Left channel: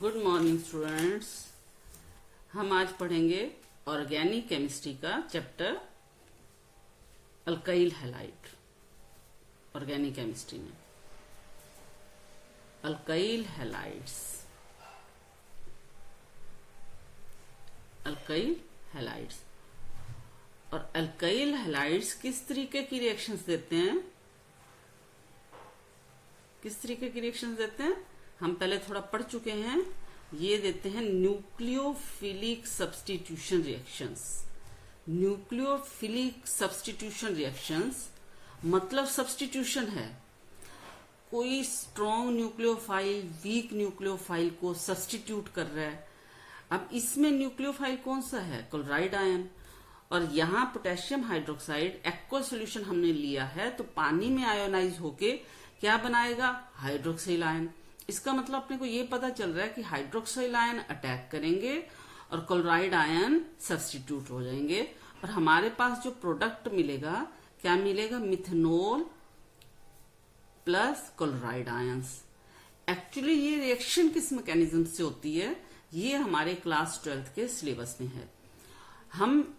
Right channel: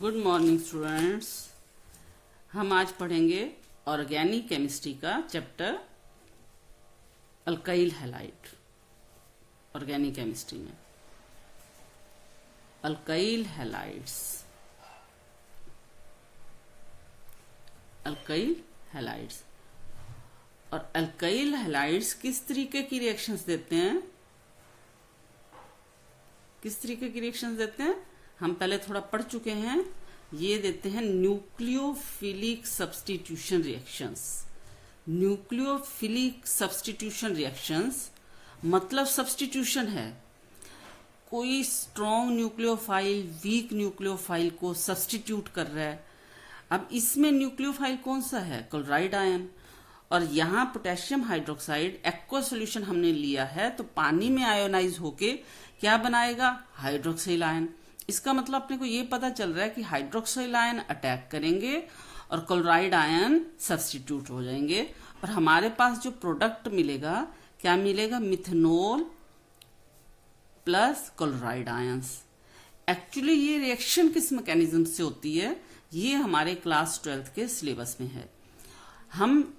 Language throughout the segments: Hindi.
Good morning students. हम आज पढ़ेंगे ऑर्गेनिक केमिस्ट्री का chapter alkyl halide. Organic chemistry में अल्काइल हैलाइड्स, अल्काइल हैलाइड्स। और अल्काइल हैलाइड्स किस तरीके की रिएक्शंस देते हैं, किस तरीके की रिएक्शंस देते हैं हम पहले थोड़ा पढ़ चुके हैं। ये देते हैं nucleophilic substitution reactions. Nucleophilic substitution reactions मतलब सब्स्टिट्यूशन है, कोई स्ट्रॉन्ग न्यूक्लियोफाइल वीक न्यूक्लियोफाइल को सब्स्टिट्यूट कर रहा है। अब इसमें न्यूक्लियोफाइल कौन सा है? Chloride ion. और यहाँ पोटेशियम हाइड्रोक्साइड एक्वा सोल्यूशन हमने लिया है, तो पानी में आयोनाइज होके क्या बनाएगा? Hydroxyl ion. इसका मतलब अपने को ये पता चल रहा है कि हाइड्रोक्सिल आयन अटैक करेंगे और क्लोराइड आयन सब्स्टिट्यूट हो जाएंगे, और हमारे पास जो प्रोडक्ट मिलेगा क्या मिलेगा? Methanol plus chloride ions. Actually ये रिएक्शन किस मैकेनिज्म से होती है, ये हमारे क्लास 12th के सिलेबस में है। हम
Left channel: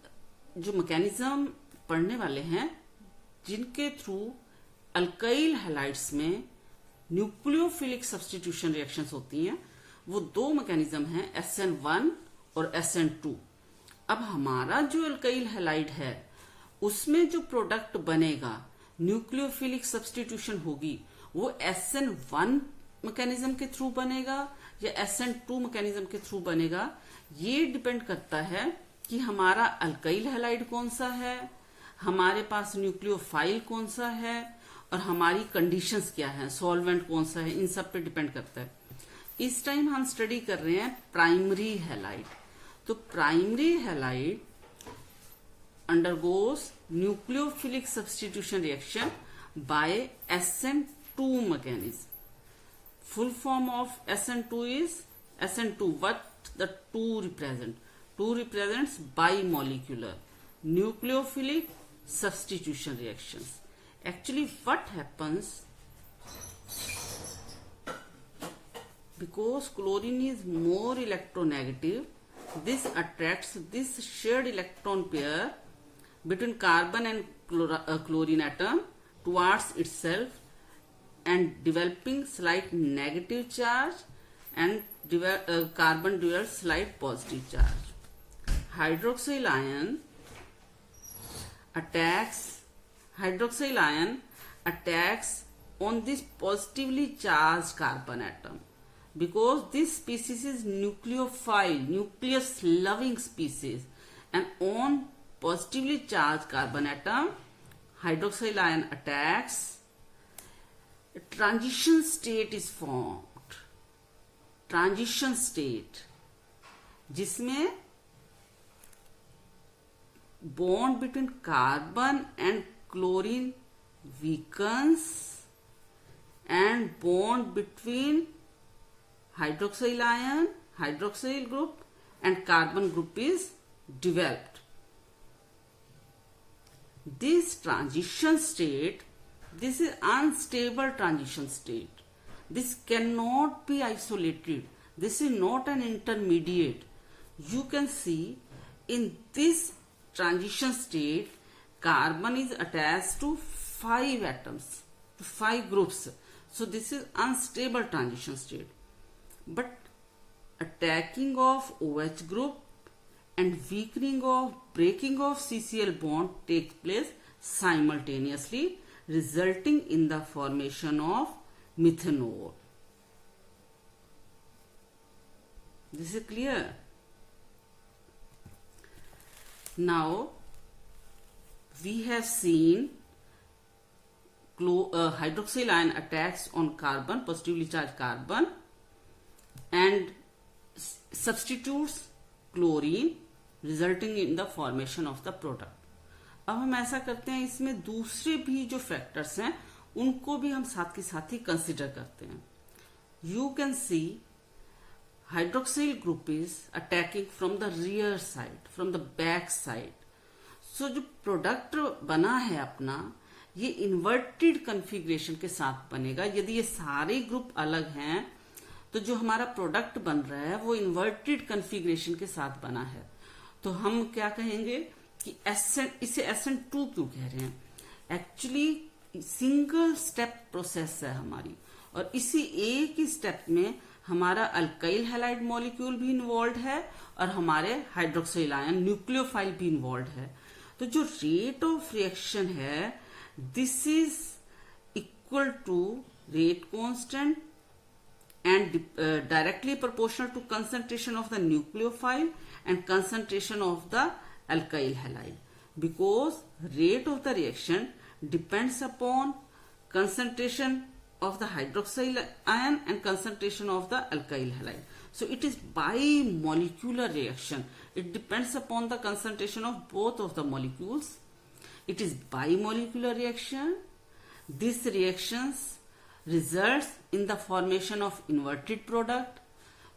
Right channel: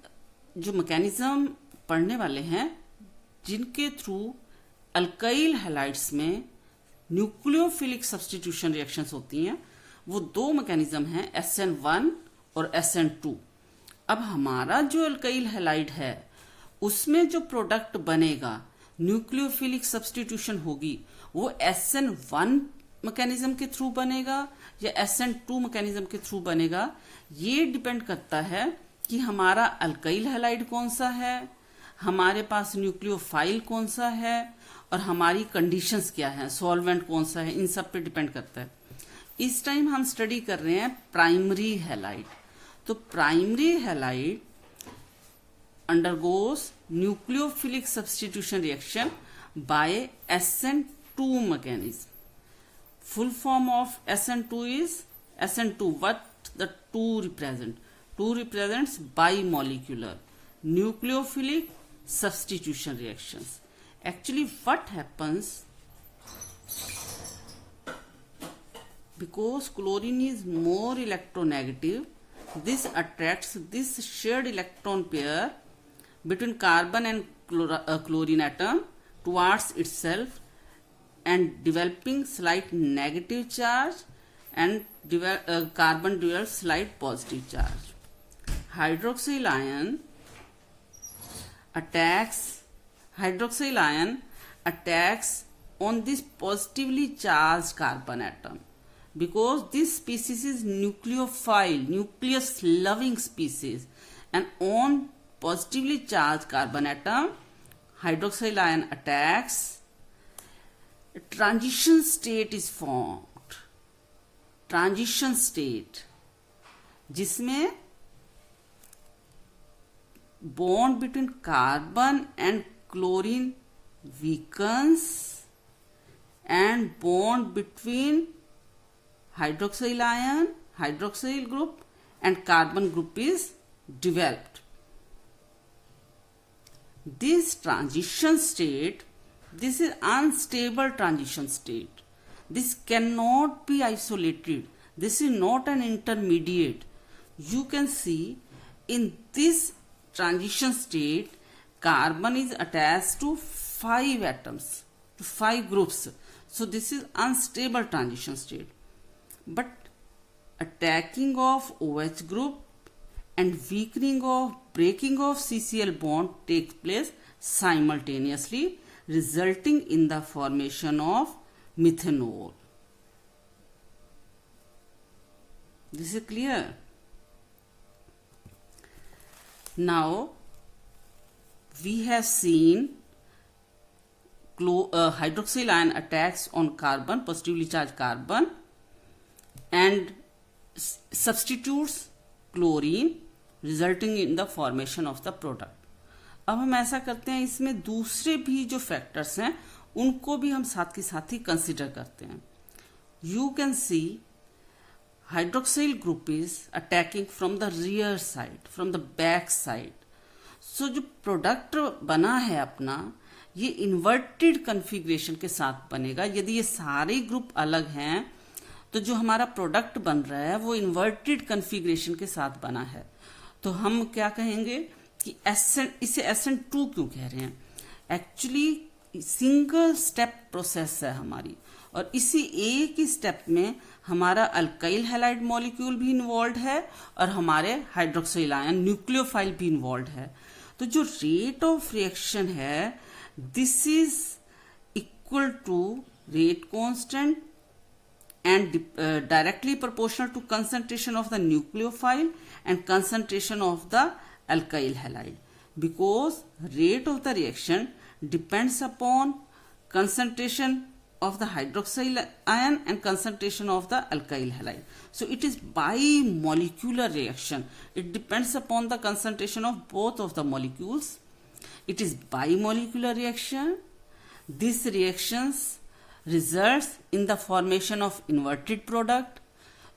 जो मैकेनिज्म पढ़ने वाले हैं जिनके थ्रू अल्काइल हैलाइड्स में न्यूक्लियोफिलिक सब्स्टिट्यूशन रिएक्शंस होती हैं, वो दो मैकेनिज्म हैं, SN1 और SN2। अब हमारा जो अल्काइल हैलाइड है उसमें जो प्रोडक्ट बनेगा, न्यूक्लियोफिलिक सब्स्टिट्यूशन होगी, वो SN1 मैकेनिज्म के थ्रू बनेगा या SN2 मैकेनिज्म के थ्रू बनेगा। ये डिपेंड करता है कि हमारा अल्काइल हैलाइड कौन सा है, हमारे पास न्यूक्लियोफाइल कौन सा है, और हमारी कंडीशंस क्या है, सॉल्वेंट कौन सा है, इन सब पे डिपेंड करता है। इस टाइम हम स्टडी कर रहे हैं प्राइमरी हैलाइड। तो primary halide undergoes nucleophilic substitution reaction by SN2 mechanism. Full form of SN2 is SN2 what the 2 represent? 2 represents bimolecular nucleophilic substitution reactions. Actually what happens, because chlorine is more electronegative, this attracts this shared electron pair between carbon and chlorine atom towards itself and developing slight negative charge, and carbon develops slight positive charge. Hydroxyl ion attacks on this positively charged carbon atom, because this species is nucleophile, nucleus loving species, and on positively charged carbon atom hydroxyl ion attacks, a transition state is formed. Transition state जिसमें bond between carbon and chlorine weakens and bond between hydroxyl ion, hydroxyl group and carbon group is developed. This transition state, this is unstable transition state. This cannot be isolated. This is not an intermediate. You can see in this transition state carbon is attached to 5 atoms, to 5 groups. So this is unstable transition state. But attacking of OH group and weakening of breaking of CCl bond takes place simultaneously, resulting in the formation of methanol. This is clear. Now we have seen hydroxyl ion attacks on carbon, positively charged carbon, and substitutes chlorine, resulting in the formation of the product. अब हम ऐसा करते हैं, इसमें दूसरे भी जो फैक्टर्स हैं उनको भी हम साथ के साथ ही कंसिडर करते हैं। You can see hydroxyl group is attacking from the rear side, from the back side. So जो प्रोडक्ट बना है अपना, ये इन्वर्टेड कन्फिग्रेशन के साथ बनेगा। यदि ये सारे ग्रुप अलग हैं तो जो हमारा प्रोडक्ट बन रहा है वो इन्वर्टेड कन्फिग्रेशन के साथ बना है। तो हम क्या कहेंगे कि इसे SN2 क्यों कह रहे हैं? एक्चुअली सिंगल स्टेप प्रोसेस है हमारी, और इसी एक ही स्टेप में हमारा अल्काइल हैलाइड मॉलिक्यूल भी इन्वॉल्व है और हमारे हाइड्रोक्सिल आयन न्यूक्लियोफाइल भी इन्वॉल्व है। तो जो रेट ऑफ रिएक्शन है, this is equal to rate constant and directly proportional to concentration of the nucleophile and concentration of the alkyl halide, because rate of the reaction depends upon concentration of the hydroxyl ion and concentration of the alkyl halide. So it is bimolecular reaction. It depends upon the concentration of both of the molecules. It is bimolecular reaction. These reactions results in the formation of inverted product.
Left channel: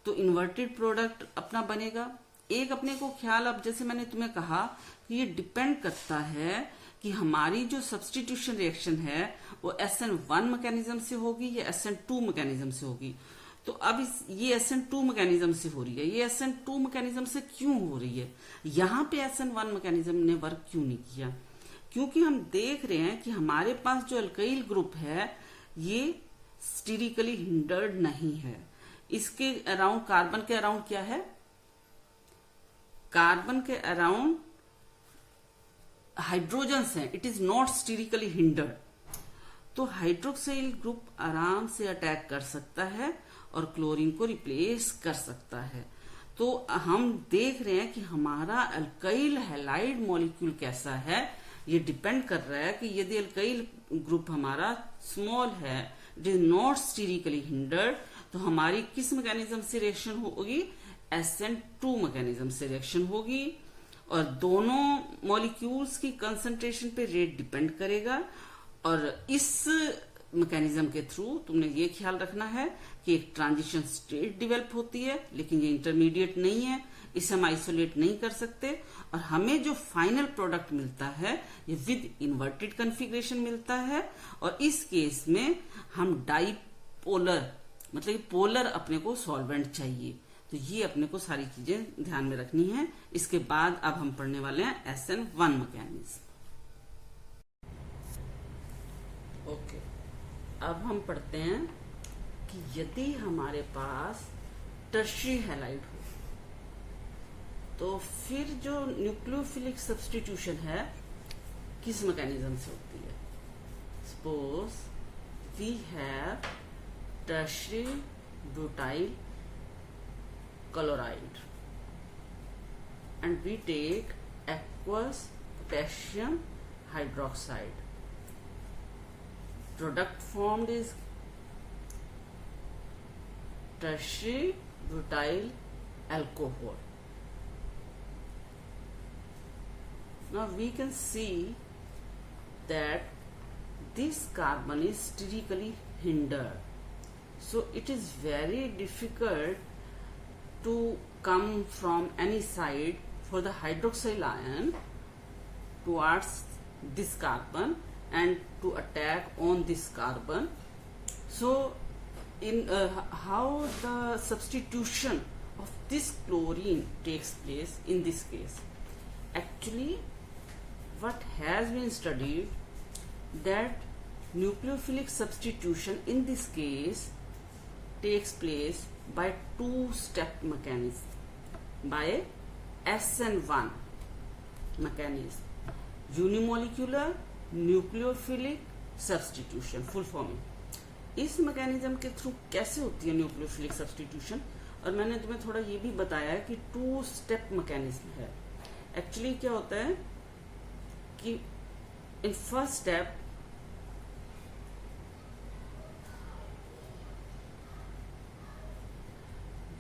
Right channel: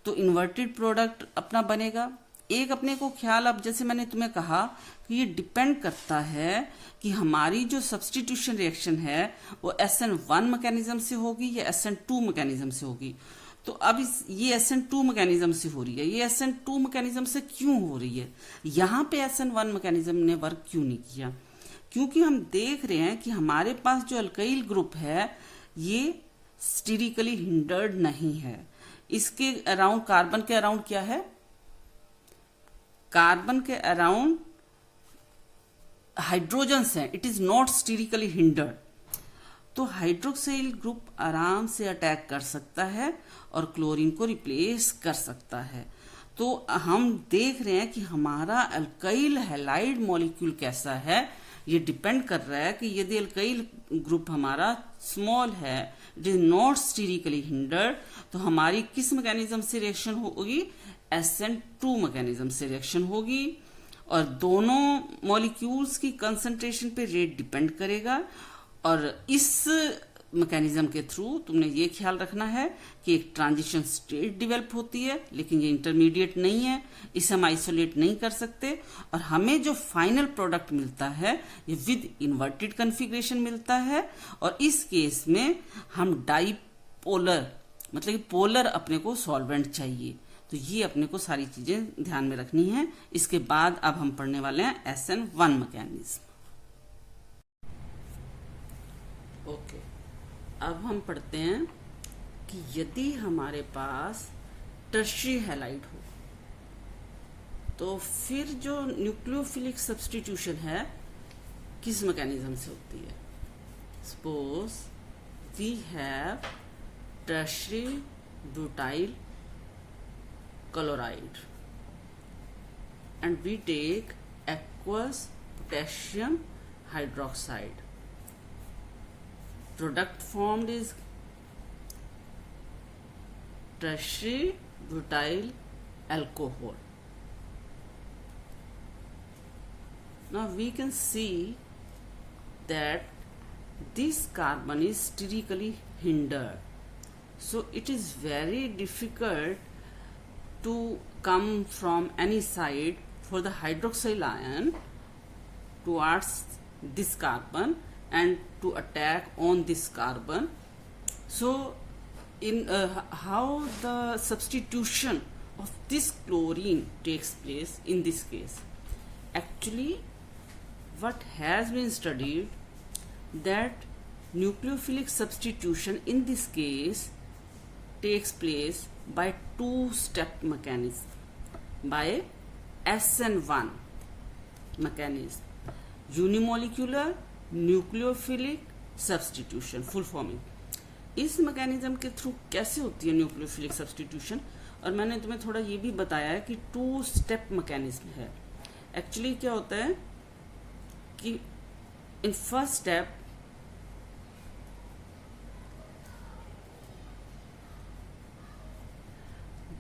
तो inverted product अपना बनेगा। एक अपने को ख्याल, अब जैसे मैंने तुम्हें कहा कि ये डिपेंड करता है कि हमारी जो सब्सटीट्यूशन रिएक्शन है वो SN1 मैकेनिज्म से होगी या SN2 मैकेनिज्म से होगी। तो अब ये SN2 मैकेनिज्म से हो रही है। ये SN2 मैकेनिज्म से क्यों हो रही है? यहाँ पे SN1 मैकेनिज्म ने वर्क क्यों नहीं किया? क्योंकि हम देख रहे हैं कि हमारे पास जो अल्काइल ग्रुप है ये स्टीरिकली हिंडर्ड नहीं है। इसके अराउंड, कार्बन के अराउंड क्या है? कार्बन के अराउंड हाइड्रोजन्स हैं। It is not sterically hindered. तो हाइड्रोक्साइल ग्रुप आराम से अटैक कर सकता है और क्लोरीन को रिप्लेस कर सकता है। तो हम देख रहे हैं कि हमारा अल्काइल हैलाइड मॉलिक्यूल कैसा है, ये डिपेंड कर रहा है कि यदि अल्काइल ग्रुप हमारा स्मॉल है, it is not sterically hindered, तो हमारी किस मैकेनिज्म से रिएक्शन होगी? SN2 मैकेनिज्म से रिएक्शन होगी। और दोनों मॉलिक्यूल्स की कंसंट्रेशन पे रेट डिपेंड करेगा। और इस मैकेनिज्म के थ्रू तुमने ये ख्याल रखना है कि एक ट्रांजिशन स्टेट डेवलप होती है, लेकिन ये इंटरमीडिएट नहीं है, इसे हम आइसोलेट नहीं कर सकते। और हमें जो फाइनल प्रोडक्ट मिलता है ये विद इन्वर्टेड कन्फिग्रेशन मिलता है। और इस केस में हम डाईपोलर, मतलब कि पोलर अपने को सॉल्वेंट चाहिए। तो ये अपने को सारी चीजें ध्यान में रखनी है। इसके बाद अब हम पढ़ने वाले हैं SN1 मैकेनिज्म। ओके, अब हम पढ़ते हैं कि यदि हमारे पास टर्शियरी हैलाइड हो तो फिर जो न्यूक्लियोफिलिक सब्स्टिट्यूशन है किस मैकेनिज्म से होती है? Suppose we have tertiary butyl chloride and we take aqueous potassium hydroxide. Product formed is tertiary butyl alcohol. Now we can see that this carbon is sterically hindered, so it is very difficult to come from any side for the hydroxyl ion towards this carbon and to attack on this carbon. So in how the substitution of this chlorine takes place in this case? Actually what has been studied that nucleophilic substitution in this case takes place by two-step mechanism, by SN1 mechanism, unimolecular nucleophilic substitution, full forming। इस मैकेनिज्म के थ्रू कैसे होती है न्यूक्लियोफिलिक सब्स्टिट्यूशन? और मैंने तुम्हें थोड़ा ये भी बताया है कि टू स्टेप मैकेनिज्म है। एक्चुअली क्या होता है कि in first step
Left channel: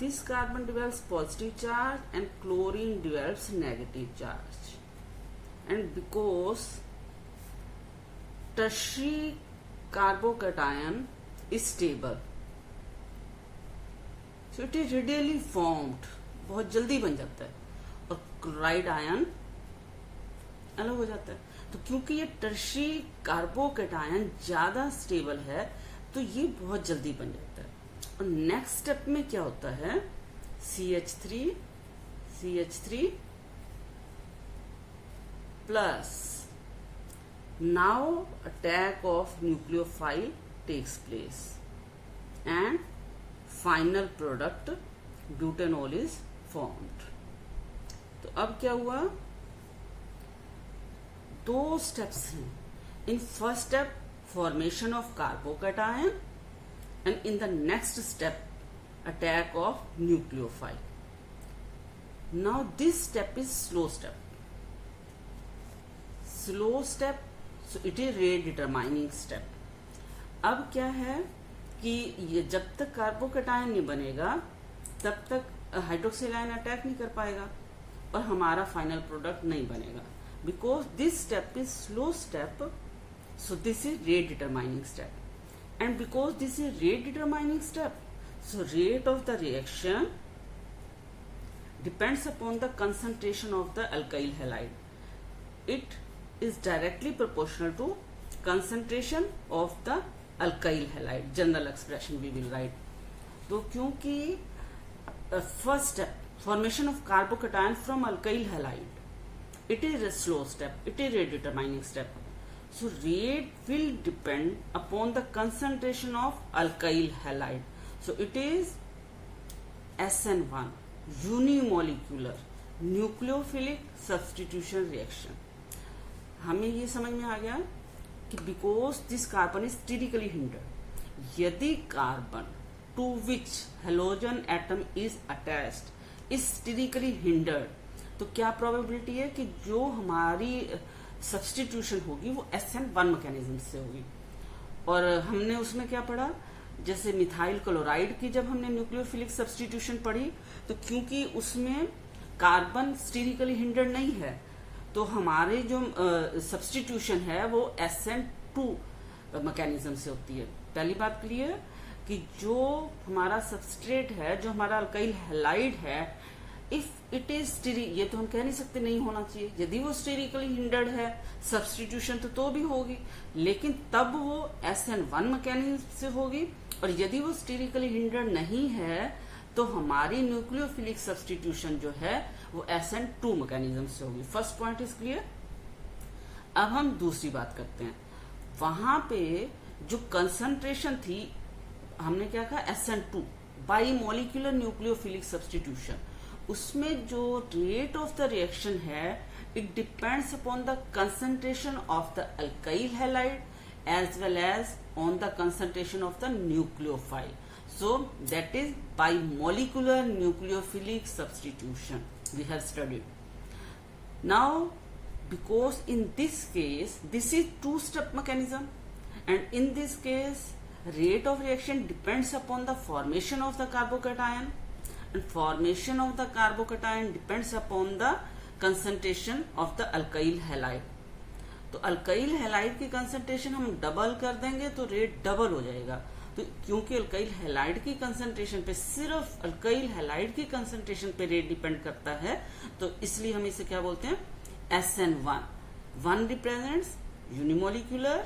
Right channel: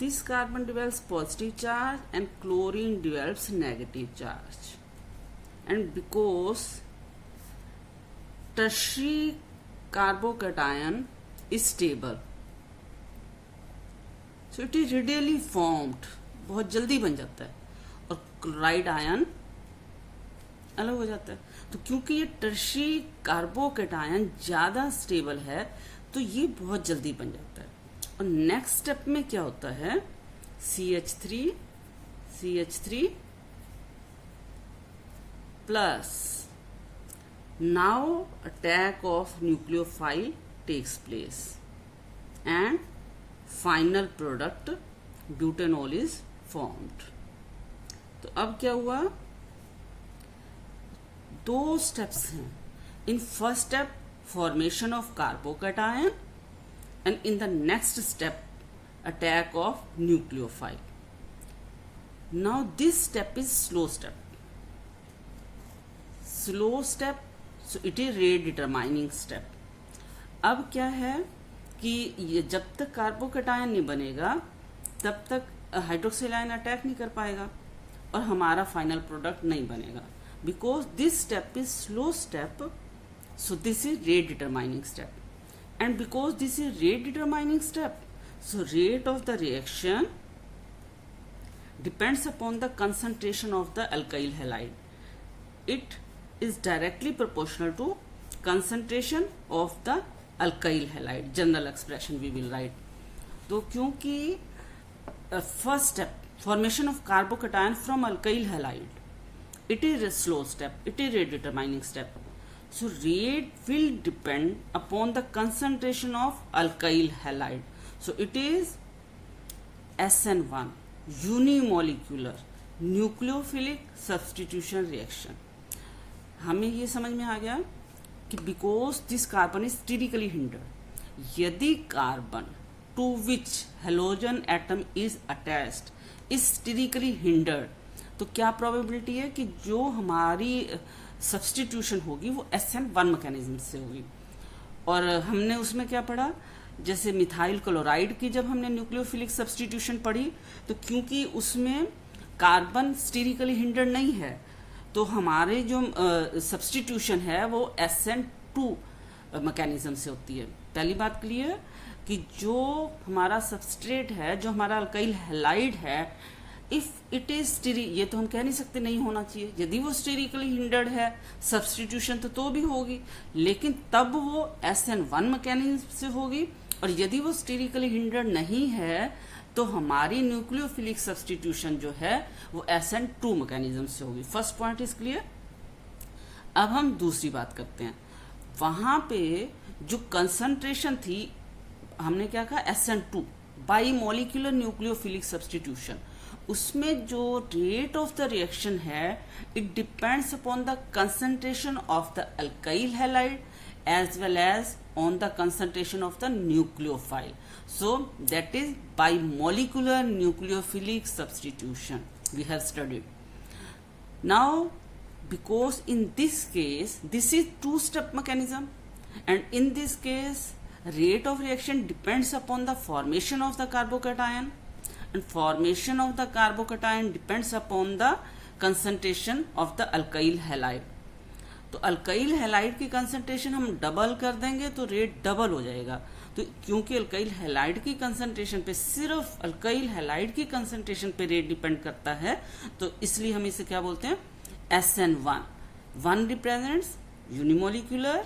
this carbon develops positive charge and chlorine develops negative charge, and because tertiary carbocation is stable, so it is readily formed, बहुत जल्दी बन जाता है, और क्लोराइड आयन अलग हो जाता है। तो क्योंकि ये टर्शियरी कार्बोकेटायन ज्यादा स्टेबल है तो ये बहुत जल्दी बन जाता है। और नेक्स्ट स्टेप में क्या होता है, CH3 plus, now attack of nucleophile takes place and final product butanol is formed. तो अब क्या हुआ, दो स्टेप्स हैं. In first step formation of carbocation and in the next step attack of nucleophile. Now this step is slow step, so it is rate determining step. अब क्या है कि ये जब तक कार्बोकैटायन नहीं बनेगा तब तक हाइड्रोक्सिल आयन अटैक नहीं कर पाएगा और हमारा फाइनल प्रोडक्ट नहीं बनेगा. Because this step is slow step, so this is rate determining step. And because this is rate determining step, so rate of the reaction depends upon the concentration of the alkyl halide. It is directly proportional to concentration of the alkyl halide. General expression we will write. तो क्योंकि first step formation of carbocation from alkyl halide, it is a slow step, it is rate determining step. So rate will depend upon the concentration of alkyl halide. So it is SN1, unimolecular nucleophilic substitution reaction. हमें ये समझ में आ गया कि because this carbon is sterically hindered, यदि carbon to which halogen atom is attached is sterically hindered, तो क्या प्रोबेबिलिटी है कि जो हमारी सब्सटीट्यूशन होगी वो SN1 मैकेनिज्म से होगी. और हमने उसमें क्या पढ़ा, जैसे मिथाइल क्लोराइड की जब हमने न्यूक्लियोफिलिक सब्सटीट्यूशन पढ़ी तो क्योंकि उसमें कार्बन स्टीरिकली हिंडर्ड नहीं है तो हमारे जो सब्सटीट्यूशन है वो SN2 मैकेनिज्म से होती है. पहली बात क्लियर कि जो हमारा सबस्ट्रेट है, जो हमारा अल्काइल हैलाइड है, इफ इट इज स्टेरी, ये तो हम कह नहीं सकते नहीं होना चाहिए. यदि वो स्टेरिकली हिंडर्ड है सब्सटीट्यूशन तो भी होगी, लेकिन तब वो SN1 मैकेनिज्म से होगी. और यदि वो स्टेरिकली हिंडर्ड नहीं है तो हमारी न्यूक्लियोफिलिक सब्सटीट्यूशन जो है वो SN2 मैकेनिज्म से होगी. First point is clear. अब हम दूसरी बात करते हैं. वहां पे जो कंसंट्रेशन थी, हमने क्या कहा, SN2 by molecular nucleophilic substitution, उसमें जो रेट ऑफ द रिएक्शन है it depends upon the concentration of the alkyl halide as well as on the concentration of the nucleophile. So that is bimolecular nucleophilic substitution we have studied. Now because in this case this is two step mechanism and in this case rate of reaction depends upon the formation of the carbocation and formation of the carbocation depends upon the concentration of the alkyl halide. तो अल्काइल हैलाइड की कंसंट्रेशन हम डबल कर देंगे तो रेट डबल हो जाएगा. तो क्योंकि अल्काइल हैलाइड की कंसंट्रेशन पे, सिर्फ अल्काइल हैलाइड की कंसंट्रेशन पे रेट डिपेंड करता है, तो इसलिए हम इसे क्या बोलते हैं, SN1. 1 represents unimolecular,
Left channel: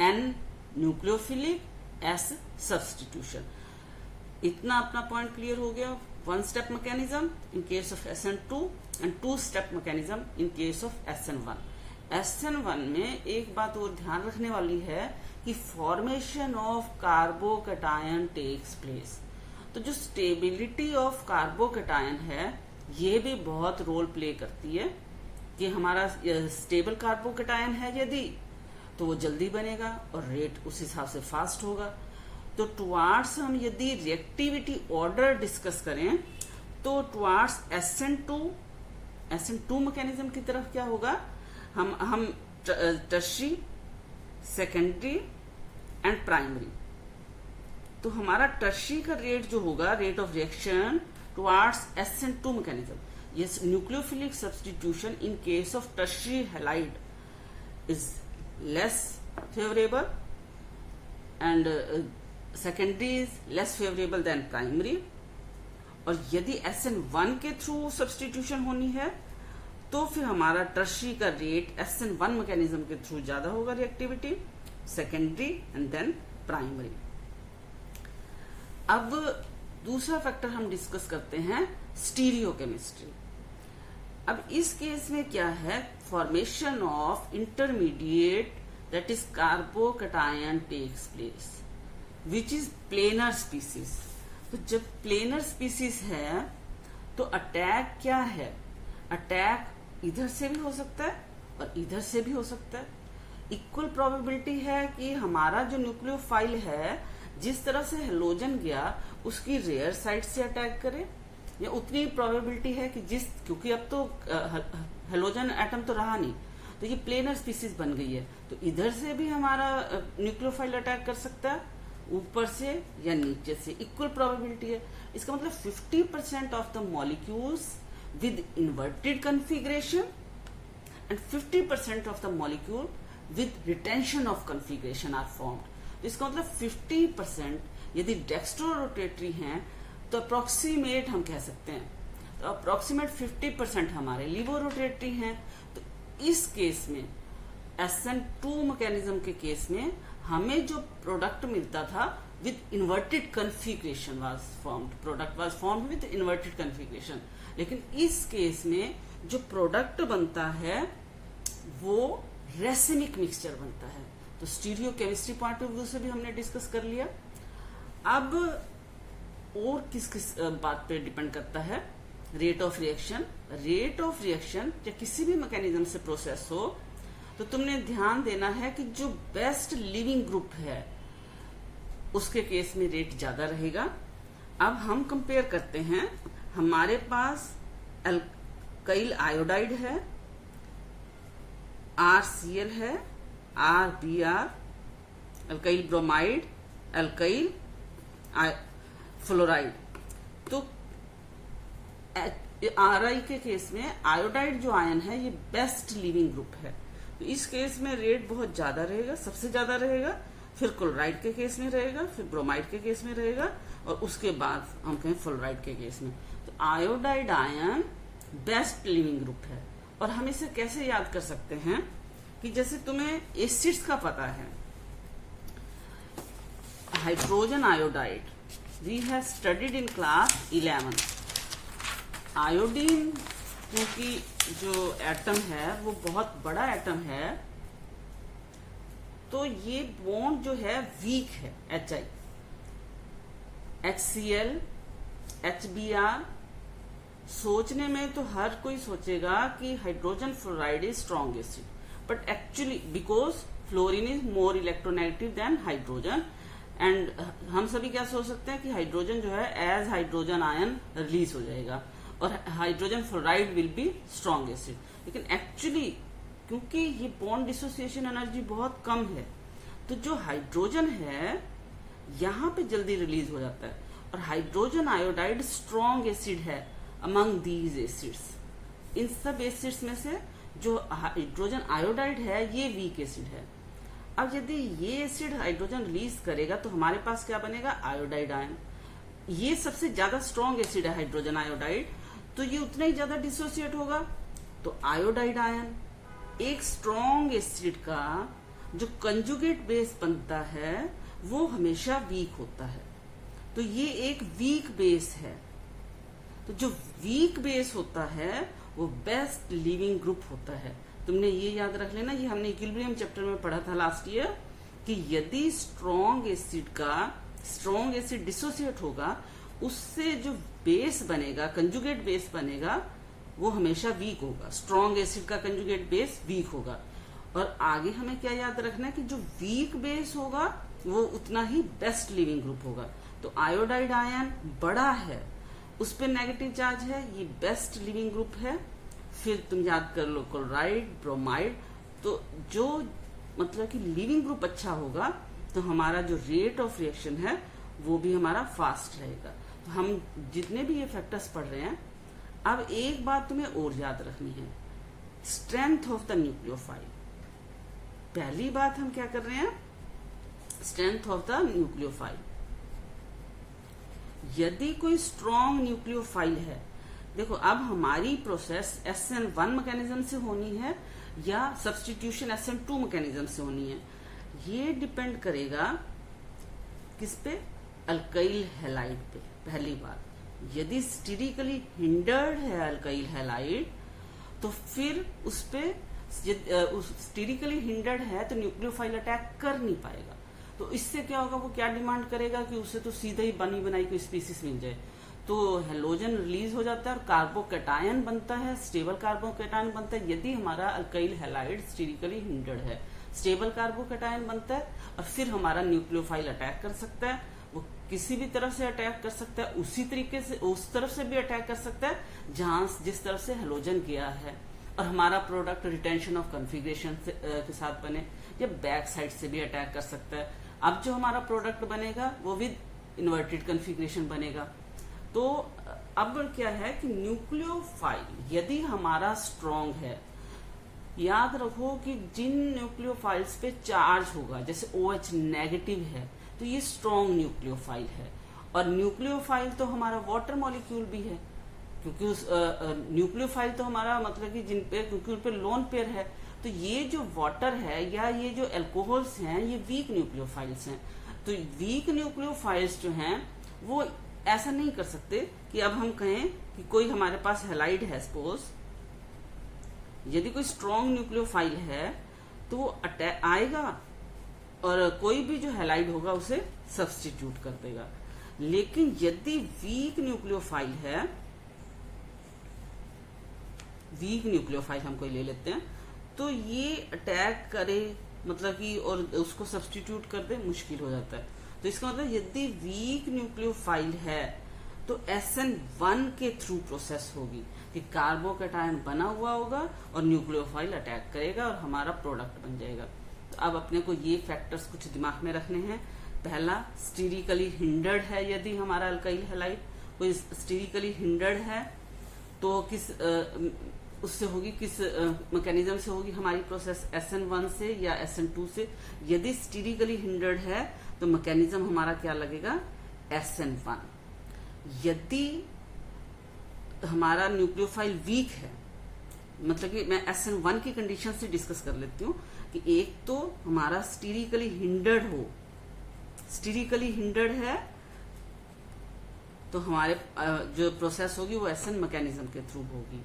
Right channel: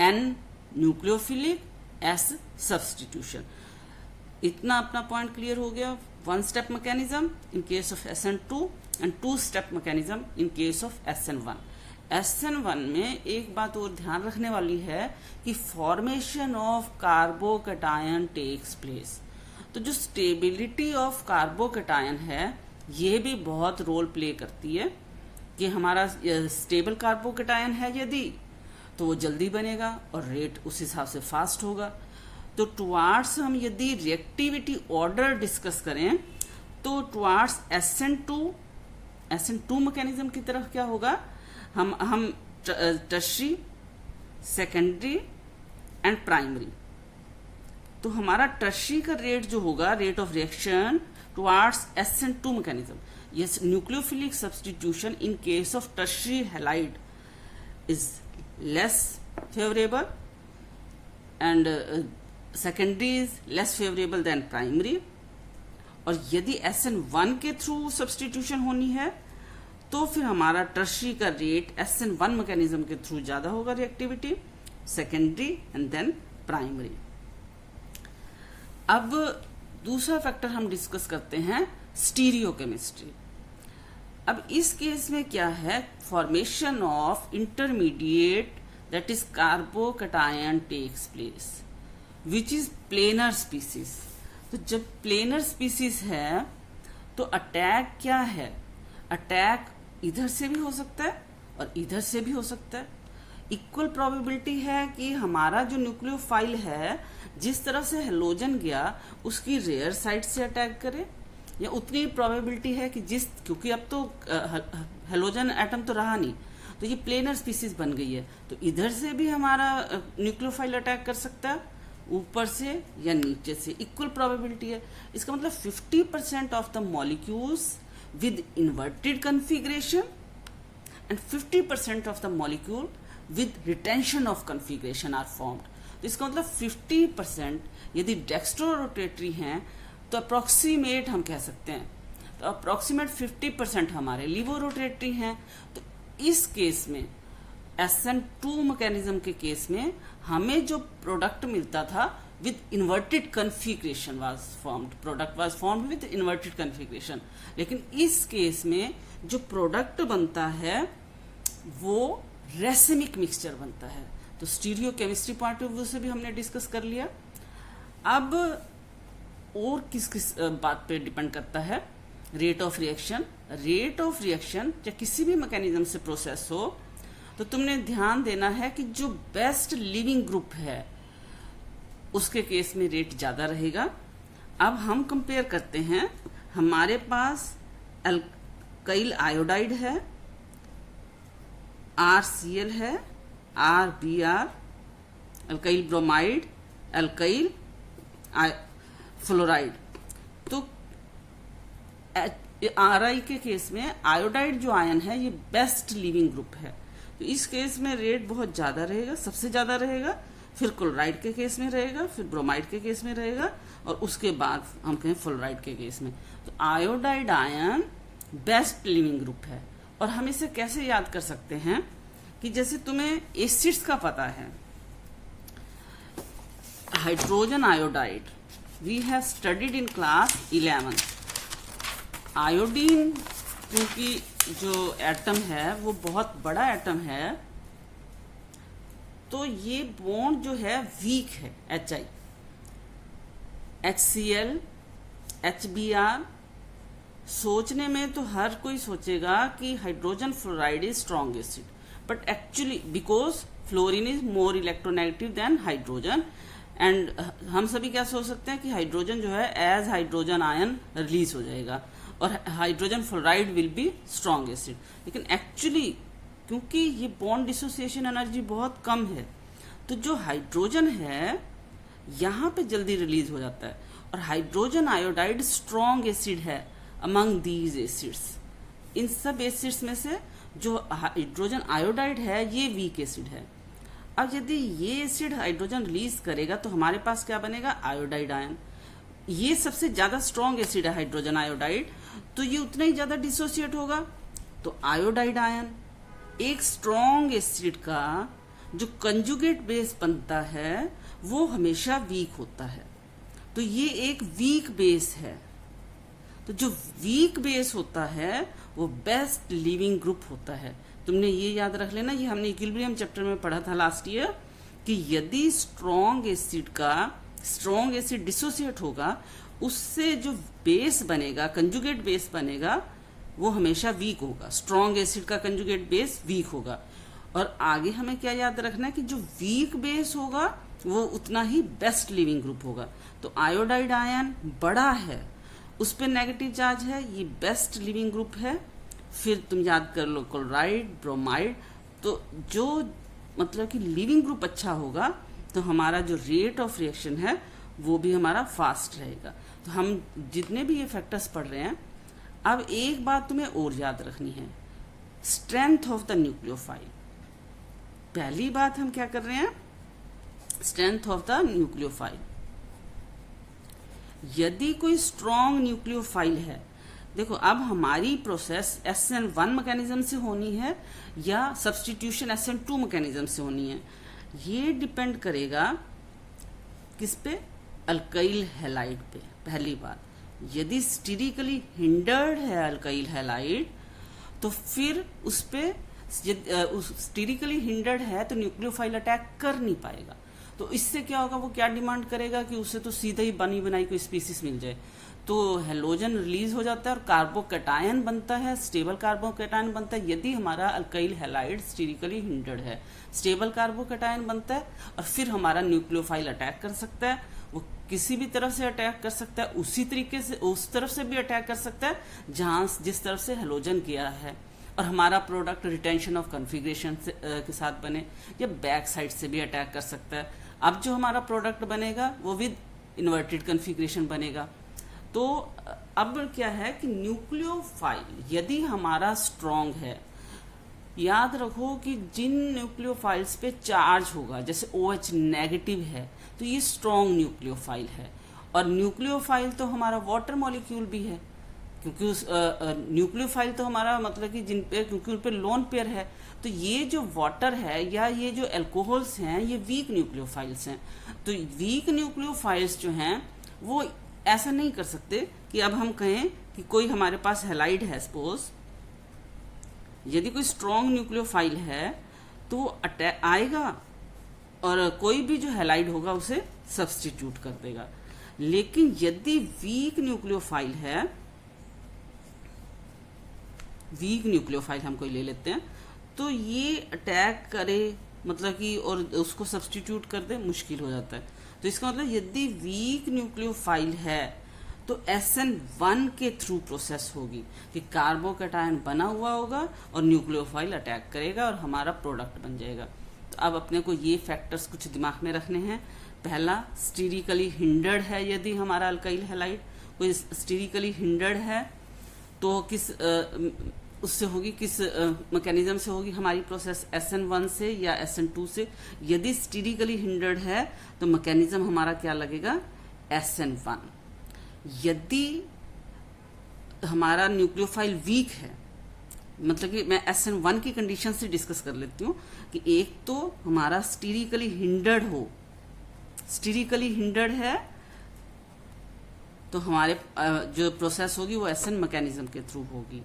N nucleophilic, S substitution. इतना अपना पॉइंट क्लियर हो गया. 1 step mechanism in case of SN2 and 2 step mechanism in case of SN1. SN1 में एक बात और ध्यान रखने वाली है कि formation of carbocation takes place. तो जो स्टेबिलिटी ऑफ कार्बोकैटायन है ये भी बहुत रोल प्ले करती है कि हमारा स्टेबल कार्बोकैटायन है यदि तो वो जल्दी बनेगा और रेट उस हिसाब से फास्ट होगा. तो टुवार्ड्स हम यदि रिएक्टिविटी ऑर्डर डिस्कस करें तो टुवार्ड्स SN2 मैकेनिज्म की तरफ क्या होगा, हम टर्शरी, सेकेंडरी एंड प्राइमरी. तो हमारा टर्शरी का रेट जो होगा, rate of reaction towards SN2 mechanism, yes nucleophilic substitution in case of tertiary halide is less favorable and secondary is less favorable than primary. और यदि SN1 के थ्रू सब्सटीट्यूशन होनी है तो फिर हमारा टर्शरी का रेट SN1 मैकेनिज्म के थ्रू ज्यादा होगा reactivity, secondary and then primary. अब दूसरा फैक्टर हम डिस्कस करते हैं स्टीरियोकेमिस्ट्री। अब इस केस में क्या है, formation of intermediate that is carbocation takes place which is planar species. तो जब प्लेनर स्पीसीज है तो अटैक क्या है, अटैक इधर से भी हो सकता है और इधर से भी हो सकता है। इक्वल प्रोबेबिलिटी है कि हमारा जो न्यूक्लियोफाइल है जिस तरह से हेलोजन गया उसकी रेयर साइड से अटैक करे, या उतनी प्रोबेबिलिटी है कि क्योंकि अब तो हेलोजन एटम तो रहा नहीं, तो ये प्लेनर स्पीसीज बन गई है, तो इधर से भी हमारा न्यूक्लियोफाइल अटैक कर सकता है, ऊपर से या नीचे से। इक्वल प्रोबेबिलिटी है। इसका मतलब 50% of the molecules with inverted configuration and 50% of the molecule with retention of configuration are formed. तो इसका मतलब 50% यदि डेक्स्ट्रो रोटेटरी हैं तो अप्रोक्सीमेट हम कह सकते हैं, तो अप्रोक्सीमेट 50% हमारे लिवो रोटेटरी हैं। तो इस केस में SN2 मैकेनिज्म के केस में हमें जो प्रोडक्ट मिलता था with inverted configuration was formed, product was formed with inverted configuration. लेकिन इस केस में जो प्रोडक्ट बनता है वो रेसिमिक मिक्सचर बनता है। तो स्टीरियोकेमिस्ट्री पॉइंट ऑफ व्यू से भी हमने डिस्कस कर लिया। अब और किस किस बात पे डिपेंड करता है, rate of reaction. Rate of reaction या किसी भी मैकेनिज्म से प्रोसेस हो तो तुमने ध्यान देना है कि जो बेस्ट लिविंग ग्रुप है उसके केस में रेट ज्यादा रहेगा। अब हम कंपेयर करते हैं, हमारे पास अल्काइल आयोडाइड है, RCl है, RBr, alkyl bromide, alkyl fluoride. तो RI के केस में आयोडाइड जो आयन है ये बेस्ट लिविंग ग्रुप है, तो इस केस में रेट बहुत ज्यादा रहेगा, सबसे ज्यादा रहेगा। फिर क्लोराइड के केस में रहेगा, फिर ब्रोमाइड के केस में रहेगा, और उसके बाद हम कहें फ्लोराइड के केस में। तो iodide ion best leaving group है। और हम इसे कैसे याद कर सकते हैं कि जैसे तुम्हें एसिड्स का पता है, hydrogen iodide we have studied in class 11। Iodine क्योंकि जो एटम है वो बहुत बड़ा एटम है, तो ये बॉन्ड जो है वीक है, HI, HCl, HBr। सोचने में तो हर कोई सोचेगा कि hydrogen fluoride is strong acid, but actually because fluorine is more electronegative than hydrogen, and हम सभी क्या सोच सकते हैं कि हाइड्रोजन जो है एज हाइड्रोजन आयन रिलीज हो जाएगा और hydrogen fluoride will be strong acid. लेकिन एक्चुअली क्योंकि ये बॉन्ड डिसोसिएशन एनर्जी बहुत कम है, तो जो हाइड्रोजन है यहाँ पे जल्दी रिलीज हो जाता है, और हाइड्रोजन आयोडाइड स्ट्रॉन्ग एसिड है अमंग दीज एसिड्स। इन सब एसिड्स में से जो हाइड्रोजन आयोडाइड है ये वीक एसिड है। अब यदि ये एसिड हाइड्रोजन रिलीज करेगा तो हमारे पास क्या बनेगा, आयोडाइड आयन। ये सबसे ज्यादा स्ट्रॉन्ग एसिड है हाइड्रोजन आयोडाइड, तो ये उतना ही ज्यादा डिसोसिएट होगा। तो आयोडाइड आयन एक स्ट्रॉन्ग एसिड का जो कंजुगेट बेस बनता है वो हमेशा वीक होता है, तो ये एक वीक बेस है। तो जो वीक बेस होता है वो बेस्ट लिविंग ग्रुप होता है। तुमने ये याद रख लेना, ये हमने इक्विलिब्रियम चैप्टर में पढ़ा था लास्ट ईयर, कि यदि स्ट्रॉन्ग एसिड डिसोसिएट होगा उससे जो बेस बनेगा, कंजुगेट बेस बनेगा, वो हमेशा वीक होगा। स्ट्रॉन्ग एसिड का कंजुगेट बेस वीक होगा। और आगे हमें क्या याद रखना है कि जो वीक बेस होगा वो उतना ही बेस्ट लिविंग ग्रुप होगा। तो आयोडाइड आयन बड़ा है, उस पर नेगेटिव चार्ज है, ये बेस्ट लिविंग ग्रुप है। फिर तुम याद कर लो क्लोराइड, ब्रोमाइड। तो जो मतलब कि लिविंग ग्रुप अच्छा होगा तो हमारा जो रेट ऑफ रिएक्शन है वो भी हमारा फास्ट रहेगा। तो हम जितने भी ये फैक्टर्स पढ़ रहे हैं, अब एक बात तुम्हें और याद रखनी है, स्ट्रेंथ ऑफ द न्यूक्लियोफाइल। पहली बात हम क्या कर रहे हैं, स्ट्रेंथ ऑफ द न्यूक्लियोफाइल। यदि कोई स्ट्रॉन्ग न्यूक्लियोफाइल है, देखो अब हमारी प्रोसेस SN1 मैकेनिज्म से होनी है या सब्स्टिट्यूशन SN2 मैकेनिज्म से होनी है, ये डिपेंड करेगा किस पे, अल्काइल हैलाइड पे। पहली बात, यदि स्टेरिकली हिंडर्ड है अल्काइल हैलाइड तो फिर उस पे स्टेरिकली हिंडर्ड है तो न्यूक्लियोफाइल अटैक कर नहीं पाएगा। तो इससे क्या होगा, वो क्या डिमांड करेगा कि उसे तो सीधा ही बनी बनाई कोई स्पीसीज मिल जाए। तो हेलोजन रिलीज हो जाता है और कार्बोकैटायन बनता है, स्टेबल कार्बोकैटायन बनता है। यदि हमारा अल्काइल हैलाइड स्टेरिकली हिंडर्ड है, स्टेबल कार्बोकैटायन बनता है और फिर हमारा न्यूक्लियोफाइल अटैक कर सकता है। वो किसी भी तरफ से अटैक कर सकता है, उसी तरीके से उस तरफ से भी अटैक कर सकता है जहां जिस तरफ से हेलोजन गया है, और हमारा प्रोडक्ट रिटेंशन ऑफ कॉन्फ़िगरेशन के साथ बने, या बैक साइड से भी अटैक कर सकता है। अब जो हमारा प्रोडक्ट बनेगा वो विद इन्वर्टेड कॉन्फ़िगरेशन बनेगा। तो अब क्या है कि न्यूक्लियोफाइल यदि हमारा स्ट्रॉन्ग है, याद रखो कि जिन न्यूक्लियोफाइल्स पे चार्ज होगा, जैसे OH नेगेटिव है तो ये स्ट्रॉन्ग न्यूक्लियोफाइल है। और न्यूक्लियोफाइल तो हमारा वाटर मॉलिक्यूल भी है, क्योंकि उस न्यूक्लियोफाइल तो हमारा मतलब कि जिन पे, क्योंकि उन पे लोन पेयर है, तो ये जो वाटर है या ये जो अल्कोहल्स हैं ये वीक न्यूक्लियोफाइल्स हैं। तो वीक न्यूक्लियोफाइल्स जो हैं वो ऐसा नहीं कर सकते कि अब हम कहें कि कोई हमारे पास हैलाइड है, सपोज यदि कोई स्ट्रॉन्ग न्यूक्लियोफाइल है तो वो अटैक आएगा और कोई भी जो हैलाइड होगा उसे सब्स्टिट्यूट कर देगा। लेकिन यदि वीक न्यूक्लियोफाइल है, वीक न्यूक्लियोफाइल हम कोई ले लेते हैं, तो ये अटैक करे मतलब कि और उसको सब्स्टिट्यूट कर दे, मुश्किल हो जाता है। तो इसका मतलब यदि वीक न्यूक्लियोफाइल है तो SN1 के थ्रू प्रोसेस होगी कि कार्बोकैटायन बना हुआ होगा और न्यूक्लियोफाइल अटैक करेगा और हमारा प्रोडक्ट बन जाएगा। तो अब अपने को ये फैक्टर्स कुछ दिमाग में रखने हैं। पहला, स्टेरिकली हिंडर्ड है यदि हमारा अल्काइल हैलाइड, कोई स्टेरिकली हिंडर्ड है तो किस उससे होगी, किस मैकेनिज्म से होगी हमारी प्रोसेस, SN1 से या SN2 से। यदि स्टेरिकली हिंडर्ड है तो मैकेनिज्म हमारा क्या लगेगा, SN1। यदि हमारा न्यूक्लियोफाइल वीक है, मतलब कि मैं SN1 की कंडीशन से डिस्कस कर लेती हूँ कि एक तो हमारा स्टेरिकली हिंडर्ड हो, स्टेरिकली हिंडर्ड है तो हमारे जो प्रोसेस होगी वो SN मैकेनिज्म के थ्रू होगी।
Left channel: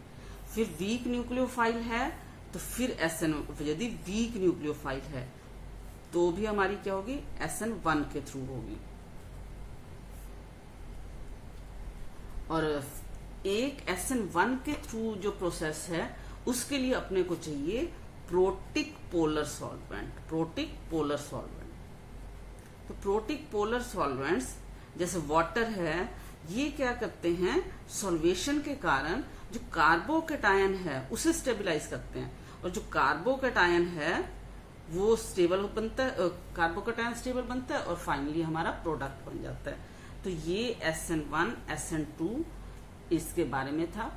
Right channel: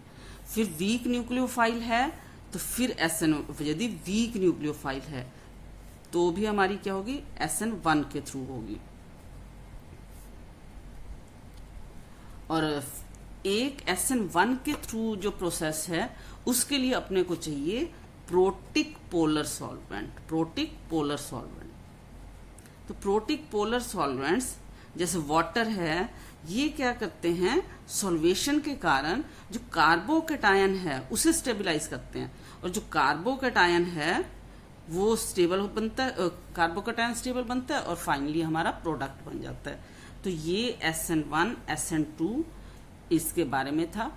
फिर वीक न्यूक्लियोफाइल है तो फिर SN, यदि वीक न्यूक्लियोफाइल है तो भी हमारी क्या होगी, SN1 के थ्रू होगी। और एक SN1 के थ्रू जो प्रोसेस है उसके लिए अपने को चाहिए protic polar solvent, protic polar solvent. तो प्रोटिक पोलर सॉल्वेंट्स जैसे वाटर है, ये क्या करते हैं, सॉल्वेशन के कारण जो कार्बोकैटायन है उसे स्टेबलाइज करते हैं, और जो कार्बोकैटायन है वो स्टेबल बनता है, कार्बोकैटायन स्टेबल बनता है और फाइनली हमारा प्रोडक्ट बन जाता है। तो ये SN1 SN2 इसके बारे में था।